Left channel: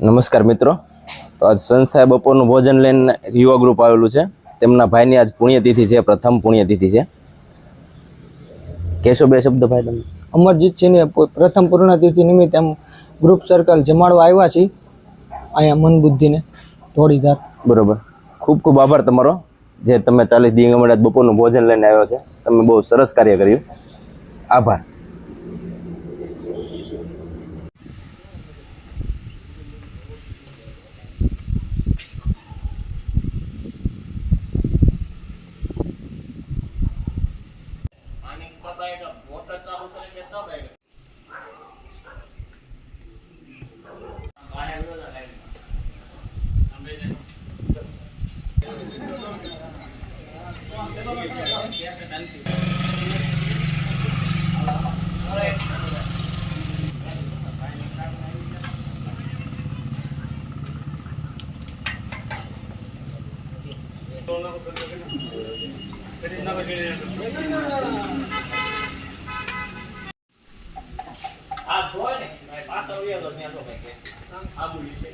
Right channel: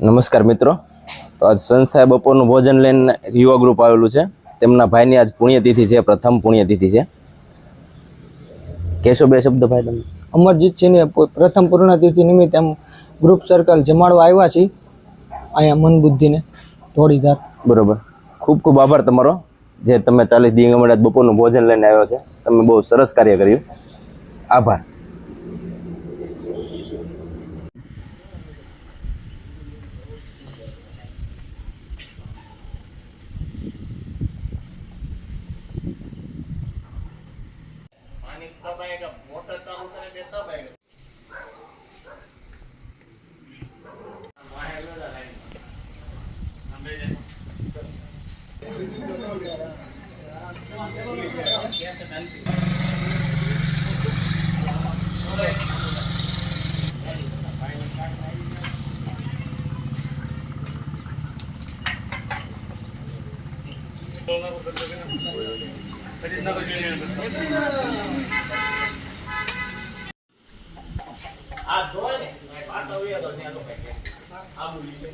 નમસ્કાર મિત્રો, તો આજ સંસ્થાએ બપોરનું ભોજન લઈને યુવા ગ્રુપ આવેલું છે. તેમના ભાઈની આજ પુણ્યતિથિ છે, પ્રથમ પુણ્યતિથિ છે. કહેશો બે શબ્દ ભાઈ તમે? અમરજીતસિંહને પ્રથમ પૂર્ણતિથિ નિમિત્તે એમ ગ્રુપ સર્કલ જમાડવા આવ્યા છીએ અહીંયા મન બુદ્ધિને ધોળીધાર. બરોબર, ખૂબ ખૂબ આભાર તમારો, જે તમે 40 દી આજ બપોરનું ભોજન લઈને આવ્યો છે. તમે બહુ સરસ કાર્ય કર્યું, આભાર. मोटर चालू करेंगे तब आएगा। આ જોય ને પાછો આવ્યો તો ત્યાં તો કઈ કે આ બોલી છે.